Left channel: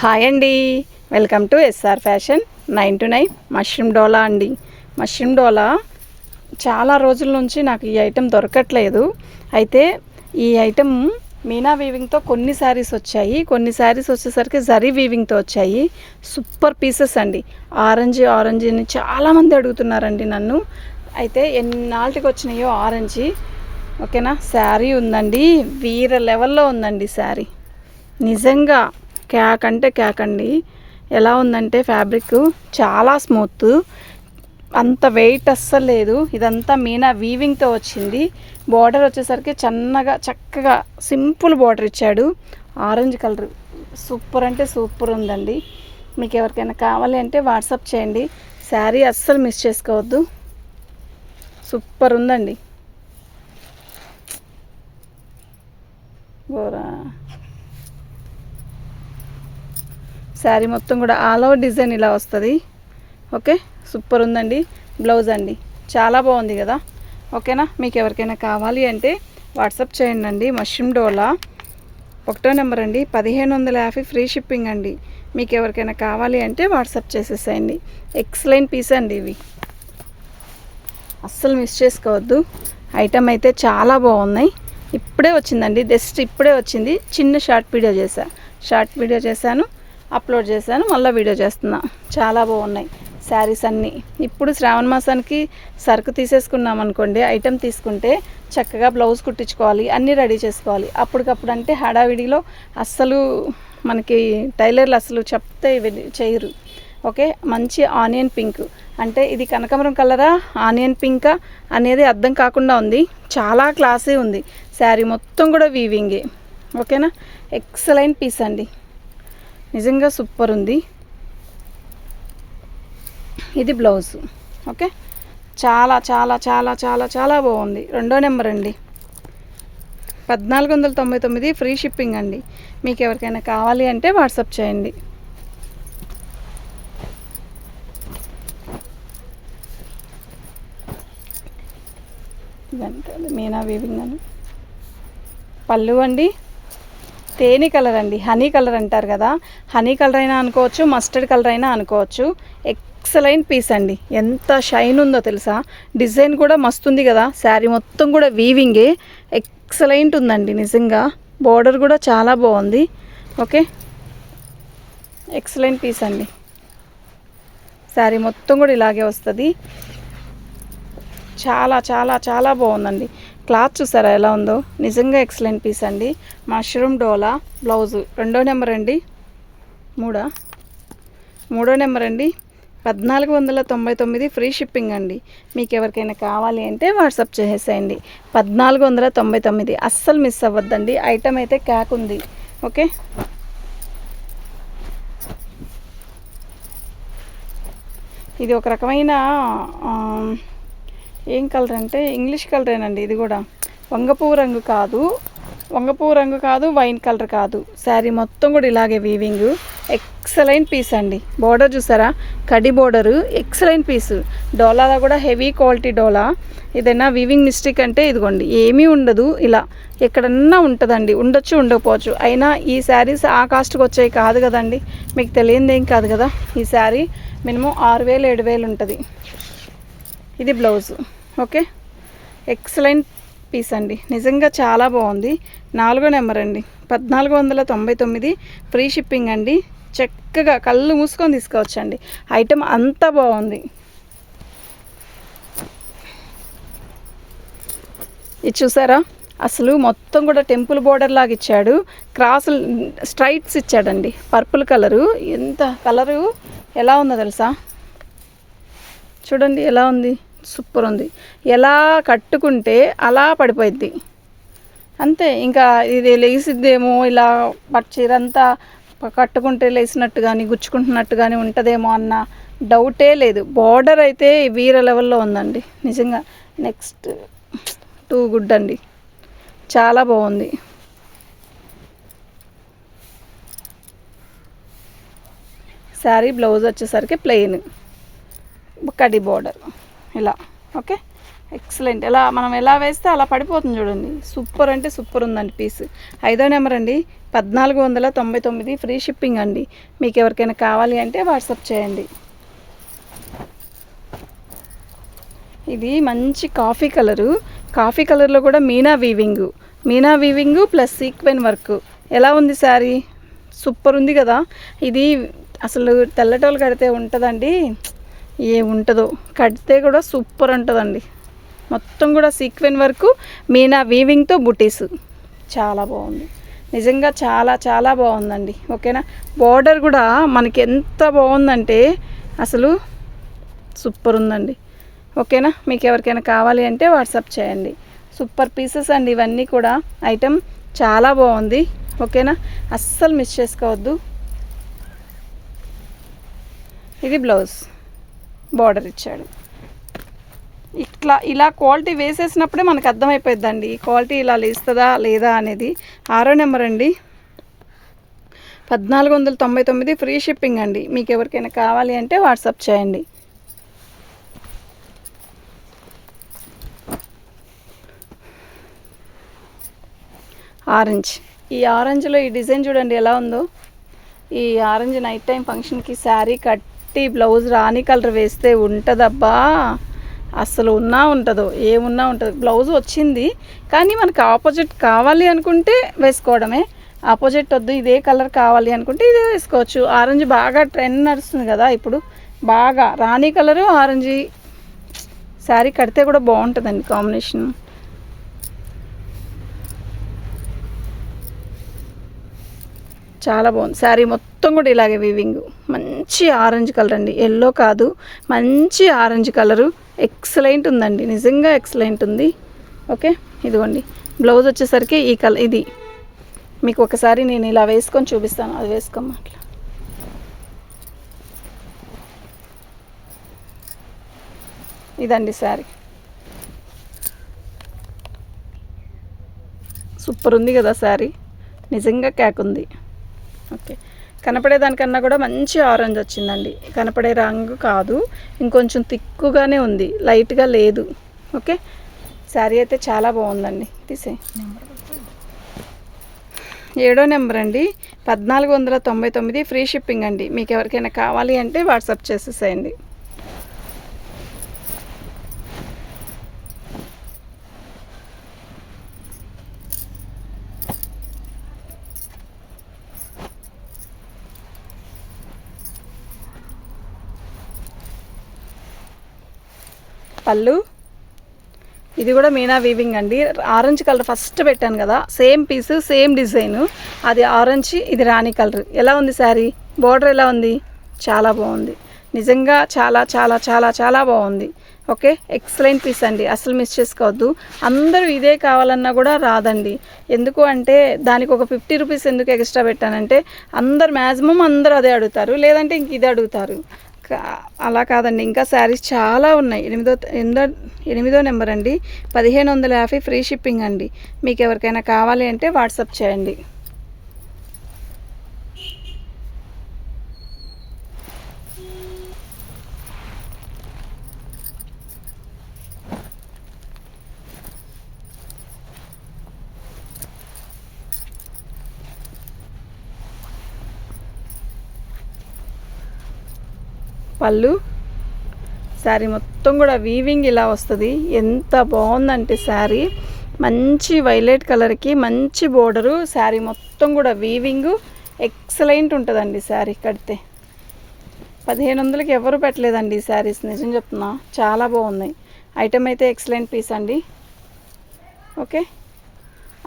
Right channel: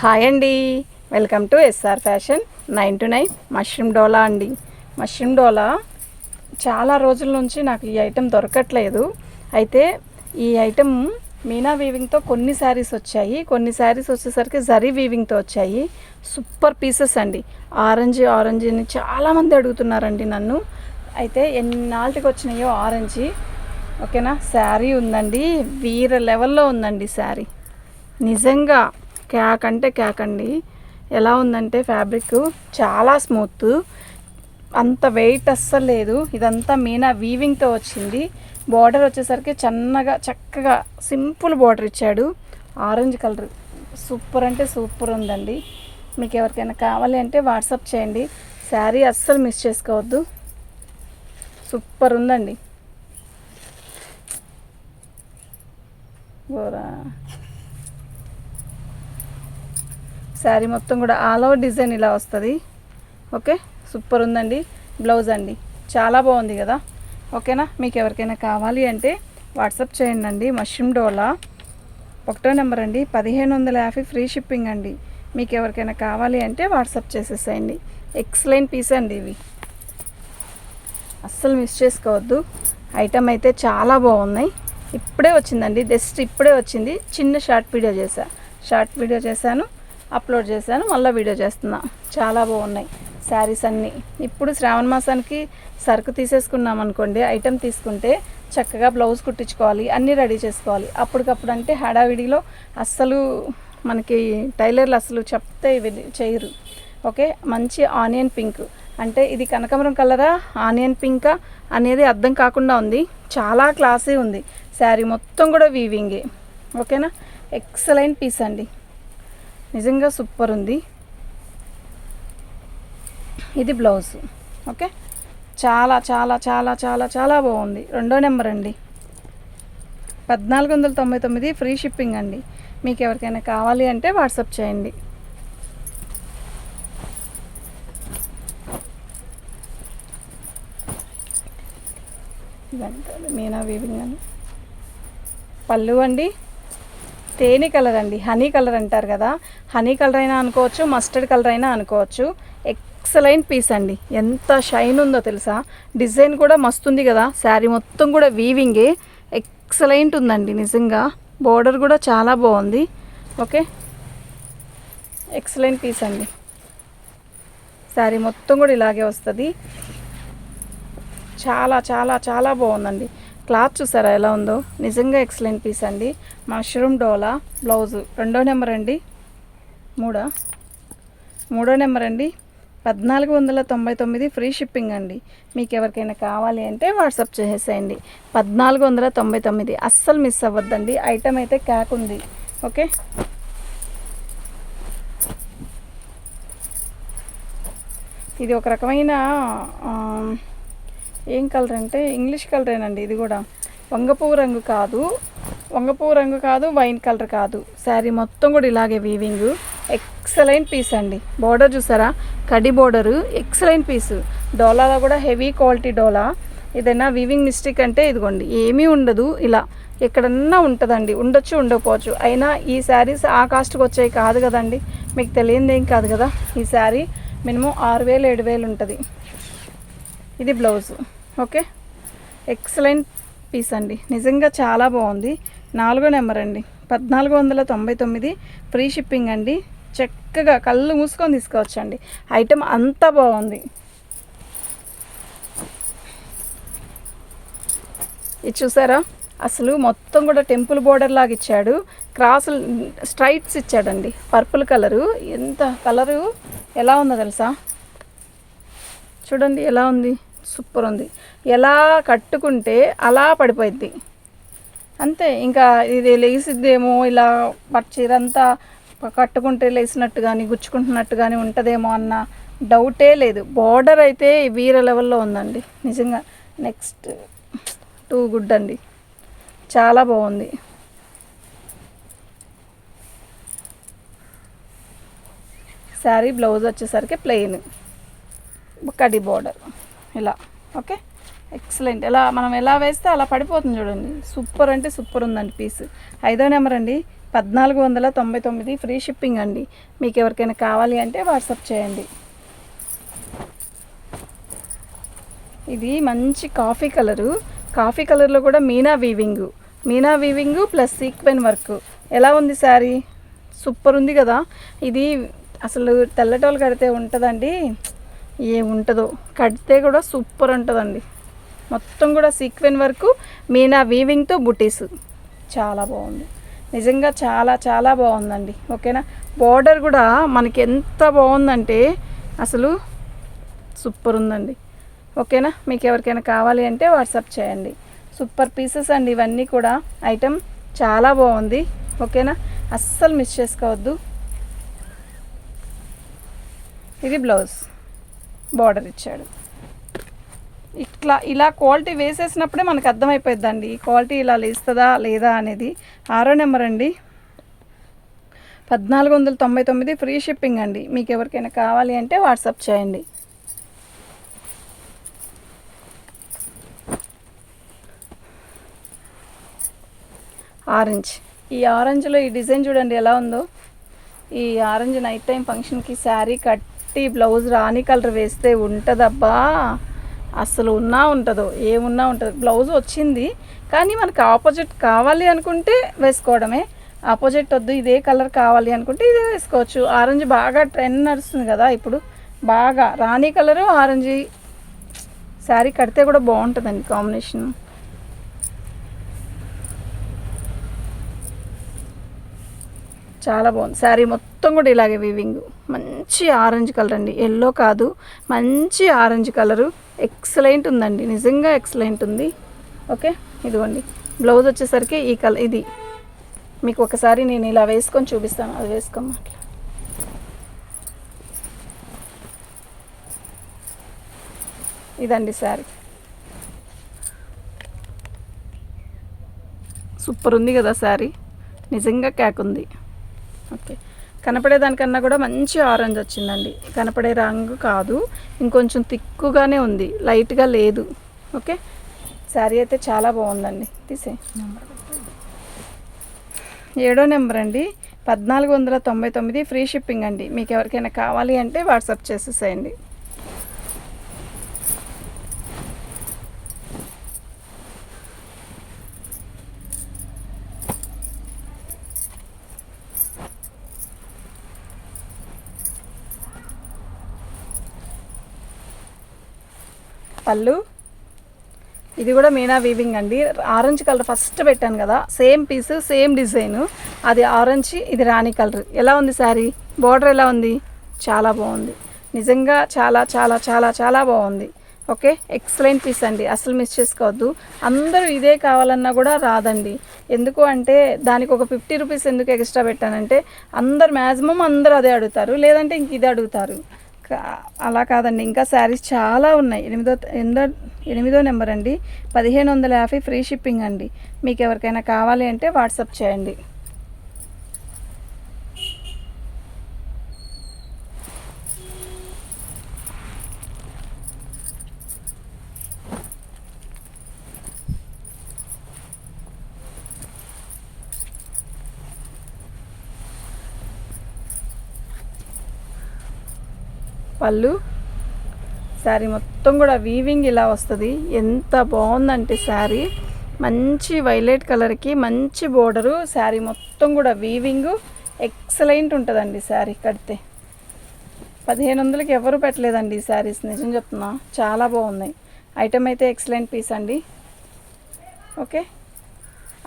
Hi అండి. Welcome to SR fashion nine two nine. Mushroom dola అండి. Mushroom డోలా చాలా రోజుల నుంచి నాకు ఈ ఐటెం దొరకట్లేదు. అయితే ఈ ఐటెం మీనా వీవింగ్తో కొన్ని శారీస్ వచ్చాయి. కొన్ని శారీస్ వచ్చేసరికి జరీ వీవింగ్తో వచ్చాయి. సూపర్ పీసెస్ అండి. ఆరెంజ్ ఆరెంజ్ అని చాలామంది అడుగుతున్నారండి నన్ను. అయితే ఎన్నాళ్ళకి వచ్చినాయో ఆరెంజ్. ఓకేనా? శారీ ఉందండి. వీర లెవెల్లో ఉందండి శారీ. నిజంగా క్యాక్ అంటే క్యాక్ అండి. ఎలా ఉందంటే ఫ్యాబ్రిక్ చాలా స్మూత్. అంత వెయిట్ అస్సలు లేదు. ఇదంతా మీనా వీవింగ్తో వచ్చింది. బార్డర్ వచ్చేసరికి చిన్నగా చక్కగా సింపుల్ బార్డర్ ఇచ్చాడు. ఆరెంజ్ కలర్ సూపర్ అంటే సూపర్ ఉందండి. మీకు ఎవరికైనా కావాలి అంటే వాట్సాప్ చేయండి. శారీ అస్సలు మిస్ చేసుకోవద్దు. సూపర్ ఉందండి. బోరా. శారీ మొత్తం కూడా ఆల్ ఓవర్ డిజైన్ ఇలా వస్తుంది. ఓకే? సూపర్ ఉందండి. బ్లౌజ్ అండి. చాలా బాగుంది కదా? ఓకేనా? మీకు ఎవరికైనా కావాలి అంటే వాట్సాప్ చేయండి అండి. మష్రూమ్ డోలా. ఒకటో నెంబర్ అండి. పదిహేను వందల యాభై ఫ్రీ షిప్పింగ్ అండి. మీకు ఎవరికైనా కావాలి అంటే వాట్సాప్ చేసేసేయండి. ఎక్సలెంట్ పీస్ అండి ఇవి. అస్సలు మిస్ చేసుకోవద్దు. ఐటమ్ అయితే చాలా బాగున్నాయి. ఇప్పుడే వచ్చిందండి. జస్ట్ ఇప్పుడే వచ్చింది. చిన్న షార్ట్ వీడియో చేశాను షార్ట్ వీడియో చేశాను. అప్లోడ్ చేశాను మళ్ళీ వీడియో చేస్తున్నా. చాలా బాగున్నాయి శారీస్ అన్నీ. ఇప్పుడు శ్రావణ మాసానికి సరుకు తీసేసుకున్నాం అనుకోండి ఐటెం తీసుకుంటే చక్కగా బ్లౌజ్ కుట్టించుకోవాలి అన్నీ రెడీ చేసుకోవాలి. అప్పటికప్పుడు అంటే హడావిడిలో అస్సలు మనకి టైలర్లు అసలు చెప్తే చేయరు. ఓకే? మంచి ఆనియన్ పింక్. అంటే ఇది కనకమరం కలరా ఆనియన్ పింకా అనేది అర్థం కాకుండా ఉంది. చాలా క్లాసీ ఉంది. శారీ మొత్తం కూడా వీవింగే ఓకేనా? ఎక్సలెంట్ పీస్ అండి. నిజంగా సూపర్ ఉంది. ఇది బ్లౌజ్. ఓకే? చాలా చాలా చాలా చాలా చాలా బాగుంది. రెండో నెంబర్ అండి. పద్నాలుగు వందల తొంభై తొమ్మిది ఫ్రీ షిప్పింగ్ అండి. మీకు ఎవరికైనా కావాలి అంటే వాట్సాప్ చేయండి. మీనా వీవింగ్ అని. పళ్ళు అండి. తేనె కలర్ అండి హనీ కలర్ అంటారు కదా హనీ కలర్ అయినా అనుకోవచ్చు మస్టర్డ్ కలర్ అయినా అనుకోవచ్చు. ఎక్సలెంట్ పీస్ అండి. ఎంత షైన్ ఉందో తెలుసా? డిజైన్ కూడా మస్తుంది కదా శారీ మొత్తం కూడా వీవింగే ఎక్సలెంట్ ఉందండి నిజంగా. బోర్డర్ కూడా చాలా బాగుంది. ఓకే ఎక్సలెంట్ పీస్ అండి. శారీ మొత్తం కూడా ఇలాగే వస్తుంది. చాలా చాలా చాలా బాగుందండి. క్లాత్ చూసారా ఎలా ఉందో? నిజంగా ఎక్సలెంట్ పీస్ అండి. Mushroom dola blouse. రెండో నెంబర్ అండి. మూడా? మూడో నెంబర్ అండి. పద్నాలుగు వందల తొంభై తొమ్మిది ఫ్రీ షిప్పింగ్ అండి. మీకు ఎవరికైనా కావాలి అంటే వాట్సాప్ చేసేసేయండి పద్నాలుగు వందల తొంభై తొమ్మిది. అస్సలు మిస్ అవ్వద్దండి. ఐటమ్ అయితే క్యాక్ ఉంది. ఓకే? ఇది ఒక రకమైన ఏం కలర్ అంటే ఇంగ్లీష్ కలరేనండి ఇది కూడా. వంగపువ్వు రంగు కాదు. వంగపువ్వు రంగు కాదు వైన్ కలర్ కాదు. శారీ మొత్తం కూడా ఇలాగే వీవింగ్ ఎక్సలెంట్ పీస్ అండి. బోర్డర్ చూసారా? కడి బోర్డరు ఎక్సలెంట్ పీసు డోలాలో కూడా హెవీ క్వాలిటీ డోలా. ఏదైనా వీవింగ్ మిస్టేక్ అంటే ఇదిగోండి ఏమీ ఉండదు ఇలా. ఎక్కడన్నా ఉంటుందండి ఉండొచ్చు ఉండకపోవచ్చు. అయినా ఈ శారీస్ ఆ కాస్ట్కి వచ్చాయి కాదు కదండి. మీకు తెలియంది ఏం కాదు కదా? ఈ శారీ మినిమం ఆరు వేలు ఏడు వేలు ఉంటుంది. ఇది బ్లౌజ్ ఓకే? ఎక్సలెంట్ పీస్ అండి. నిజంగా చాలా బాగుంది. నాలుగో నెంబర్ అండి. పద్నాలుగు వందల తొంభై తొమ్మిది. ఫ్రీ షిప్పింగ్ అండి. చక్కగా కళ్ళు మూసుకొని తీసుకోవచ్చండి. ఐటెం అంతా బాగుంది. ఇది చూసారా? అసలు మొత్తం కూడా టెంపుల్ బోర్డర్ లాగా ఇచ్చాడు. క్రాస్ స్ట్రైట్స్ ఇచ్చాడండి. Purple colour. ఎంత కలరు? ఎలా ఉందో తెలుసా? చూడండి ఎలా ఉంది? సూపర్ ఉంది ఎలా కట్టుకుంటే అలా పడిపోయింది అంతే ఇంకా ఇది లేసిద్దేమో ఇలా పట్టు చీర అంతా కట్టుకుంటే లేసినట్టు కానీ గుచ్చుకుంటున్నట్టు కానీ ఉంటుందేమో అన్న డౌటే లేదు. బార్డర్ అయితే వీర లెవెల్లో ఉందండి నిజంగా. నెక్స్ట్ టూ గుడ్ అండి. చాలా బాగుంది. శారీ బ్లౌజ్ వచ్చేసరికి ప్లెయిన్. కడి బార్డర్. ఇలా. ఓకే? ఎక్సలెంట్. ఎలా మనం ఎలా వేస్తే అలా పడిపోతుంది చూడండి. సూపర్ అంటే సూపర్ ఉందండి పీస్. ఐదో నెంబర్ అండి. పద్నాలుగు వందల తొంభై తొమ్మిది ఫ్రీ షిప్పింగ్ అండి. మీకు ఎవరికైనా కావాలి అంటే వాట్సాప్ చేయండి. ఇది మంచి కాఫీ కలరు. కాఫీ కలర్లో కూడా meena weaving. Meena weaving plus sequin work. ఎలా ఉంది శారీ? సూపర్ ఉంది కదా. ఇది అసలు తెల్లటోళ్ళు కడితే ఉంటుందండి. ఏ ఉంటుందో కడితే కూడా సూపర్ ఉంటుందండి. మొత్తం కూడా సీక్వెన్ వరకు మీనా వీవింగ్తో బుటీస్. చాలా బాగుంది. నిజంగా చాలా చాలా బాగుందండి. ఓకేనా? బార్డర్ కూడా మనకి ఎంత బాగుందంటే అసలు సూపర్ ఉందండి. ఓకేనా? మీకు ఎవరికైనా కావాలి అంటే వాట్సాప్ చేయండి. సూపర్ పీసెస్ అండి ఇవన్నీ కూడా. ఐటెం చాలా బాగుంది. ఓకేనా? అస్సలు మిస్ చేసుకోవద్దు. ఇది బ్లౌజ్. బార్డర్ ఇచ్చాడు. ఇట్లా ఇలా క్వాలిటీ వేసేసినప్పుడే మనకు అర్థమైపోద్దండి క్వాలిటీ ఇలా లేస్తుందా లేదా అనేది. ఆరో నెంబర్ అండి. పద్నాలుగు వందల తొంభై తొమ్మిది ఫ్రీ షిప్పింగ్ అండి. మీకు ఎవరికైనా కావాలి అంటే వాట్సాప్ చేయండి. ఆరెంజ్. ఈ ఆరెంజ్లో ఈ డిజైన్ చూడండి ఎలా ఉందో. ఈ ఆరెంజ్ నైట్ టైం ఫంక్షన్కి శారీ పట్టి బ్లౌజ్ రాణి కలర్ వేస్తే ఉంటుందబ్బా. అసలు ఉన్నా ఉంటుందో ఏమున్నా ఉంటుంది. బ్లౌజ్ వచ్చింది కానీ మనకు ఆపోజిట్ కావాలి అనుకుంటే వేసుకోవడమే. ఆపోజిట్ వద్దు ఇదే కలర్ కావాలి అనుకుంటే ఇదే వేసుకోవచ్చు. ఆరెంజ్ బాగా ట్రెండ్ నడుస్తుంది కదా ఇప్పుడు. బాగా రాణి కలరు ఆరెంజ్. శారీ కడితే కూడా బాగుంటుందండి కాంబినేషన్. చాలా బాగుంది. శారీ మొత్తం కూడా ఇలాగే వీవింగ్ మంచి ఆరెంజ్ కలర్ అండి. ఎల్లో కాదు. మంచి ఆరెంజ్ కలరు ఎక్సలెంట్ ఉందండి. నిజంగా ఎక్సలెంట్ ఉంది. ఓకే ఇదిగోండి. బ్లౌజ్ వచ్చేసరికి ఈ కలర్ ఇది. మీకు ఒకసారి నేను ఇలా వేసుకొని చూపిస్తాను. అది వేసుకోమా ఇదండి శారీ. సూపర్ ఉంది కదా శారీ. నిజంగా క్యాక్ ఉంది. ఓకే. కనపడేదానికన్నా కూడా మంచి ఆరెంజ్ వచ్చిందండి. కనపడే రంగు కాదు ఇంకొంచెం తిక్కుగానే ఉంది లైట్గా లేదు. ఓకే. శారీ అయితే చాలా బాగుందండి. తీసే ఏడో నెంబర్ అండి. పద్నాలుగు వందల తొంభై తొమ్మిది ఫ్రీ షిప్పింగ్ అండి. మీకు ఎవరికైనా కావాలి అంటే వాట్సాప్ చేసేసేయండి. పళ్ళు ఇది కూడా మీనా వీవింగ్ అండి. ఆరెంజ్ కలర్ ఫస్ట్ పెట్టాను కదా సేమ్ పీస్ సేమ్ డిజైన్ అది ఆరెంజ్ ఇది రాణి కలర్ ఎలా ఉంది శారీ బార్డర్ ఎలా ఉంది? చాలా బాగుంది. నిజంగా చాలా చాలా చాలా చాలా బాగుంది. ఓకే ఎక్సలెంట్ పీస్ అండి. అసలు మిస్ చేసుకోవద్దు. అందరూ ఇదే కావాలన్నా కూడా రాదండి. ఎందుకు అంటే దానికి ఒక ఫిఫ్టీ రూపీస్ ఎందుకు ఎక్స్ట్రా పెట్టానంటే అందరు మ్యాక్సిమం అందరూ అదే అడుగుతారు. లేదంటే ఇంక ఇదే అడుగుతారు. అలా కాదండి. ఇంకా శారీస్ చాలా ఉన్నాయి. ఎనిమిదో ఎనిమిదో ఎనిమిదో నెంబర్ అండి. పదిహేను వందల యాభై ఫ్రీ షిప్పింగ్ అండి. మీకు ఎవరికైనా కావాలి అంటే వాట్సాప్ చేయండి. పళ్ళు. శారీ మొత్తం కూడా వీవింగ్ ఇలా వస్తుంది. ఎంత బాగుందంటే శారీ మంచి వైలెట్ కలర్కి మంచి బోర్డరు శారీ మొత్తం కూడా వీవింగ్ ఎక్సలెంట్ ఉంటుందండి శారీ కడితే. పదిహేను వందలకి ఎవరు పెట్టలేదండి ఈ శారీస్ నిజం చెప్తున్నా. చాలా బాగున్నాయి. ఐటమ్ అయితే ఎక్సలెంట్ పీస్ అండి. ఓకే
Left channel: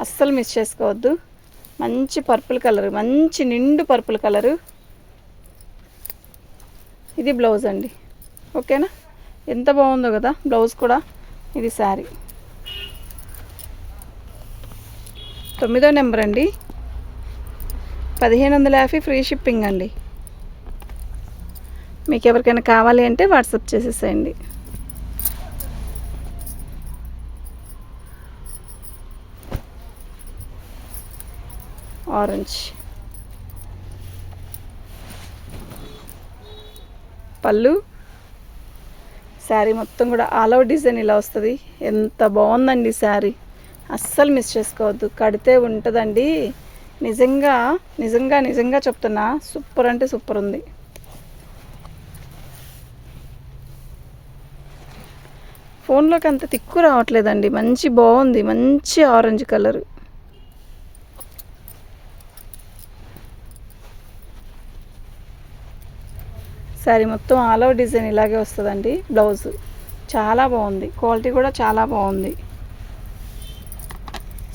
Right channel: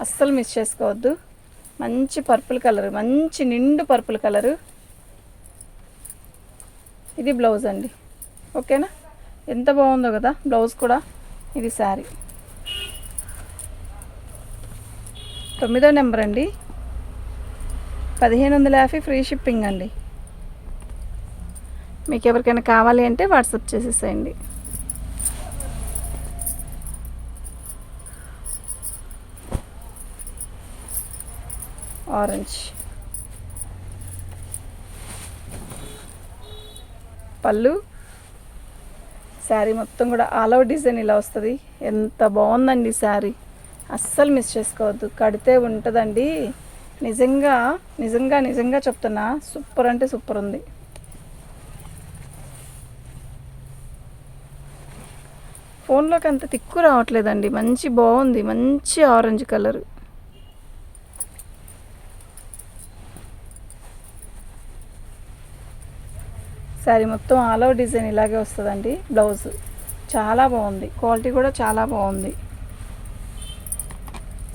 అస్సలు మిస్ చేసుకోవద్దు. మంచి పర్పుల్ కలర్ మంచి నిండు పర్పుల్ కలరు ఇది బ్లౌజ్ అండి. ఓకేనా? ఎంత బాగుందో కదా బ్లౌజ్ కూడా ఇది శారీ. తొమ్మిదో నెంబర్ అండి. పదిహేను వందల యాభై ఫ్రీ షిప్పింగ్ అండి. మీకు ఎవరికైనా కావాలి అంటే వాట్సాప్ చేసేసేయండి. ఆరెంజ్. పళ్ళు. శారీ మొత్తం కూడా ఆల్ ఓవర్ డిజైన్ ఇలా వస్తుంది. ఎంత బాగుందండి శారీ. అస్సలు మిస్ చేసుకోవద్దు. కడితే ఉంటుందండి. నిజంగా నిజంగా నిజంగా చెప్తున్నా సూపర్ అంటే సూపర్ ఉంది. ఫోన్లోకి అంత తిక్కు రావట్లేదండి. మంచి బాగుంది. మంచి ఆరెంజ్ కలర్. శారీ మొత్తం ఆల్ ఓవర్ డిజైన్ ఇలాగే వస్తుందండి. బ్లౌజ్ చాలా బాగుంది. క్వాలిటీ కూడా చాలా బాగుంది.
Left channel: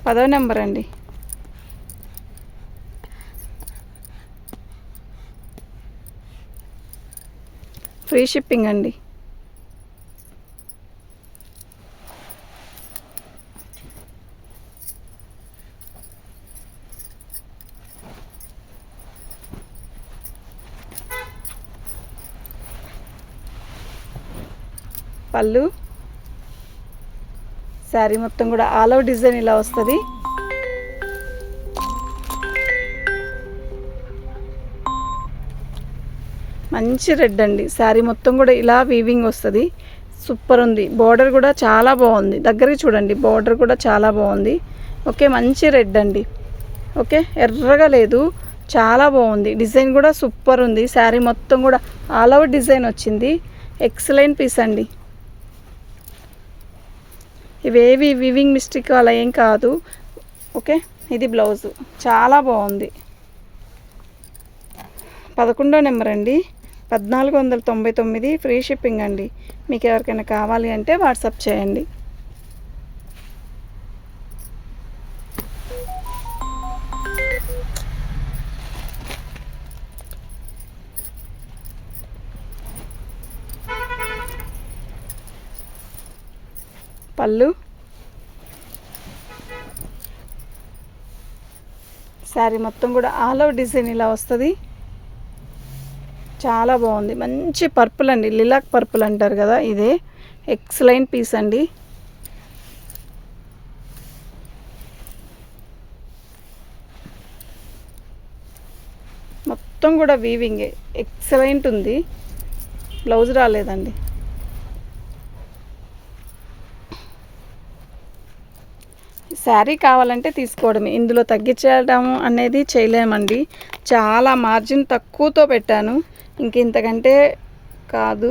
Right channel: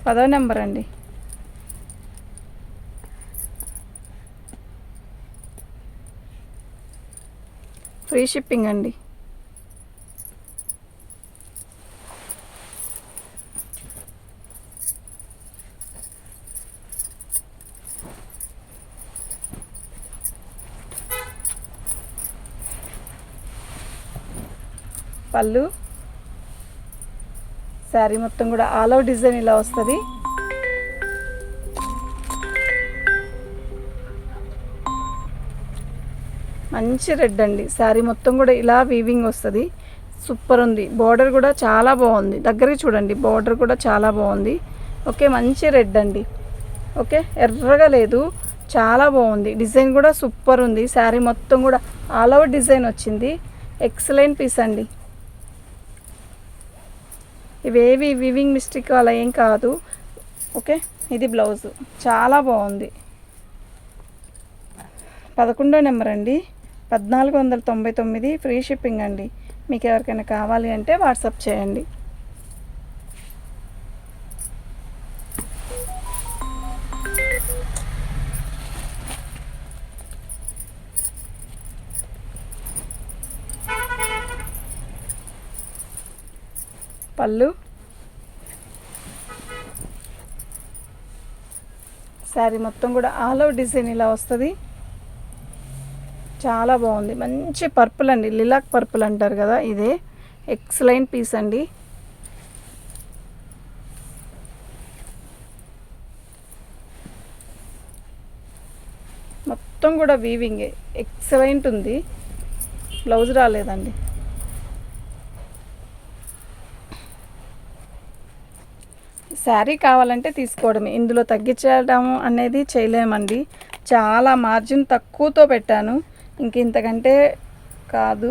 పదో నెంబర్ అండి. ఫ్రీ షిప్పింగ్ అండి. పళ్ళు. శారీ మొత్తం కూడా ఆల్ ఓవర్ డిజైన్ ఇలా వస్తుంది. మంచి రెడ్ అండి. శారీ మొత్తం కూడా ఇలా వీవింగ్ వస్తుంది. సూపర్ ఉంది. బార్డర్ కూడా చాలా బాగుంది. దగ్గరికి చూడండి. బార్డర్ కూడా చాలా బాగుంది. ఓకే మంచి రెడ్ అండి. ఓకే ఎర్రగా లేదు. చాలా బాగుంది. డిజైన్ కూడా సూపర్ ఉంది. శారీ మొత్తం కూడా ఆల్ ఓవర్ డిజైన్ వచ్చింది. ఎక్సలెంట్ పీస్ అండి. ఇవేవి వివింగ్ మిస్టేక్ అలా ఏం కాదు. ఓకే? ఇది బ్లౌజ్ చాలా బాగుంది. పదకొండో నెంబర్ అండి. పద్నాలుగు వందల తొంభై తొమ్మిది ఫ్రీ షిప్పింగ్ అండి. మీకు ఎవరికైనా కావాలి అంటే వాట్సాప్ చేయండి. పళ్ళు. శారీ మొత్తం కూడా ఆల్ ఓవర్ డిజైన్ ఇలా వస్తుంది. చాలా బాగుంది. మంచి పర్పుల్ అండి. లిలాక్ పర్పుల్ అంటారు కదా ఇదే. ఎక్సలెంట్ పీస్ అండి. మొత్తం కూడా వీవింగే ఎక్సలెంట్ ఉంది. బ్లౌజ్ రాలేదండి. శారీ కావాలంటే తీసుకోవడమే. ఇందులో తగ్గించడం అనేది చేయలేమండి. చాలా మార్జిన్ తక్కువతో పెట్టాను. ఇంక ఇంతకంటే కాదు.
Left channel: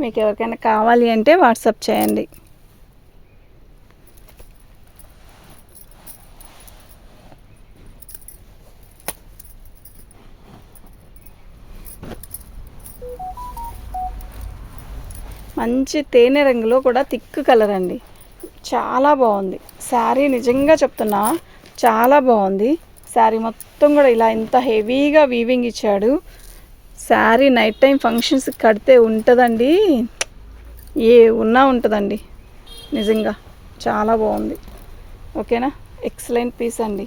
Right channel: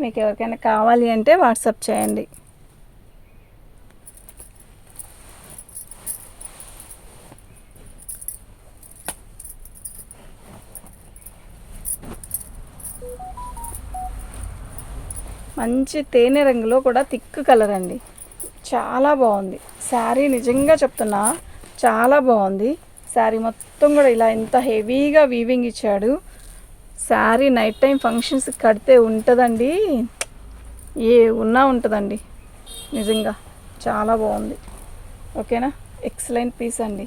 మీకు ఎవరికైనా కావాలి అంటే వాట్సాప్ చేయండి. మంచి తేనె రంగులో కూడా థిక్ కలర్ అండి. చాలా బాగుంది. శారీ నిజంగా చెప్తున్నా చాలా బాగుంది. శారీ మొత్తం కూడా ఇలా ఎంత హెవీగా వీవింగ్ ఇచ్చాడు. శారీ నైట్ టైం ఫంక్షన్స్ కడితే ఉంటుందండి. ఏ ఉన్నా ఉంటుందండి. నిజంగా చాలా బాగుంది. ఓకేనా? ఎక్సలెంట్ పీస్ అండి.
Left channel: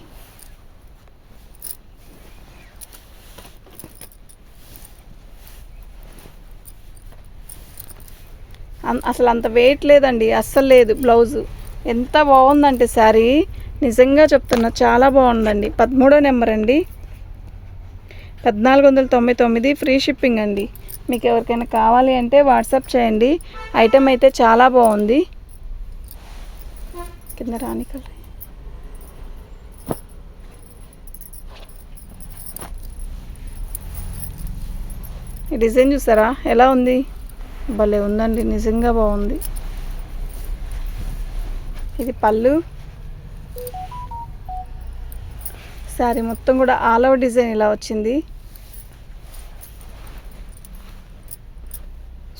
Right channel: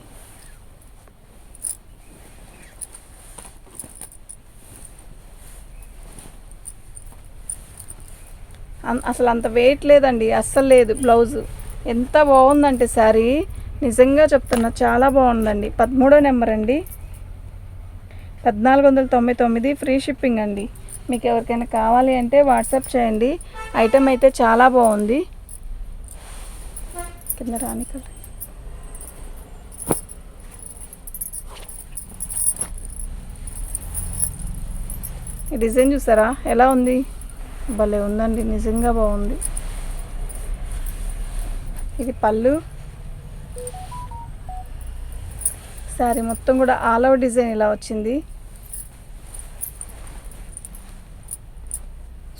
అసలు అంత వెయిట్ లేదండి అస్సలు లేదు బ్లౌజు ఎంత బాగుందంటే శారీ. నిజంగా చెప్తున్నా చాలా బాగుందండి. పదమూడో నెంబర్ అండి. పద్నాలుగు వందల తొంభై తొమ్మిది ఫ్రీ షిప్పింగ్ అండి. మీకు ఎవరికైనా కావాలి అంటే వాట్సాప్ చేయండి. ఐటెం అయితే చాలా బాగుంది. కింద రాని కదా. ఈ డిజైన్ చూసారా? ఎలా ఉంది? భలే ఉందండి నిజంగా బాగుంది. ఇది పళ్ళు. శారీ మొత్తం కూడా ఆల్ ఓవర్ డిజైన్ ఇలా వచ్చింది.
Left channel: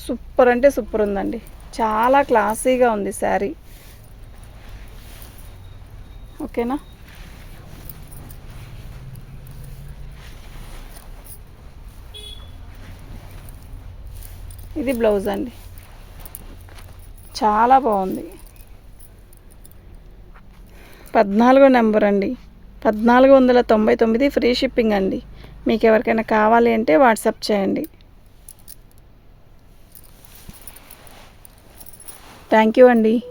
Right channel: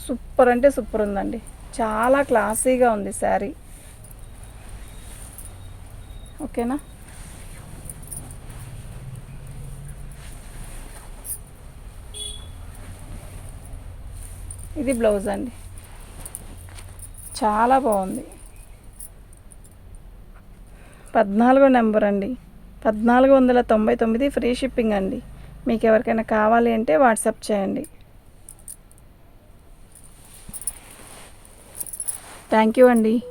సూపర్ అంటే సూపర్ ఉందండి. చాలా క్లాసీగా ఉంది శారీ ఓకేనా? ఇది బ్లౌజ్ అండి. చాలా బాగుంది. పద్నాలుగో నెంబర్ అండి. పద్నాలుగు వందల తొంభై తొమ్మిది ఫ్రీ షిప్పింగ్ అండి. మీకు ఎవరికైనా కావాలి అంటే వాట్సాప్ చేయండి. థ్యాంక్ యూ అండి.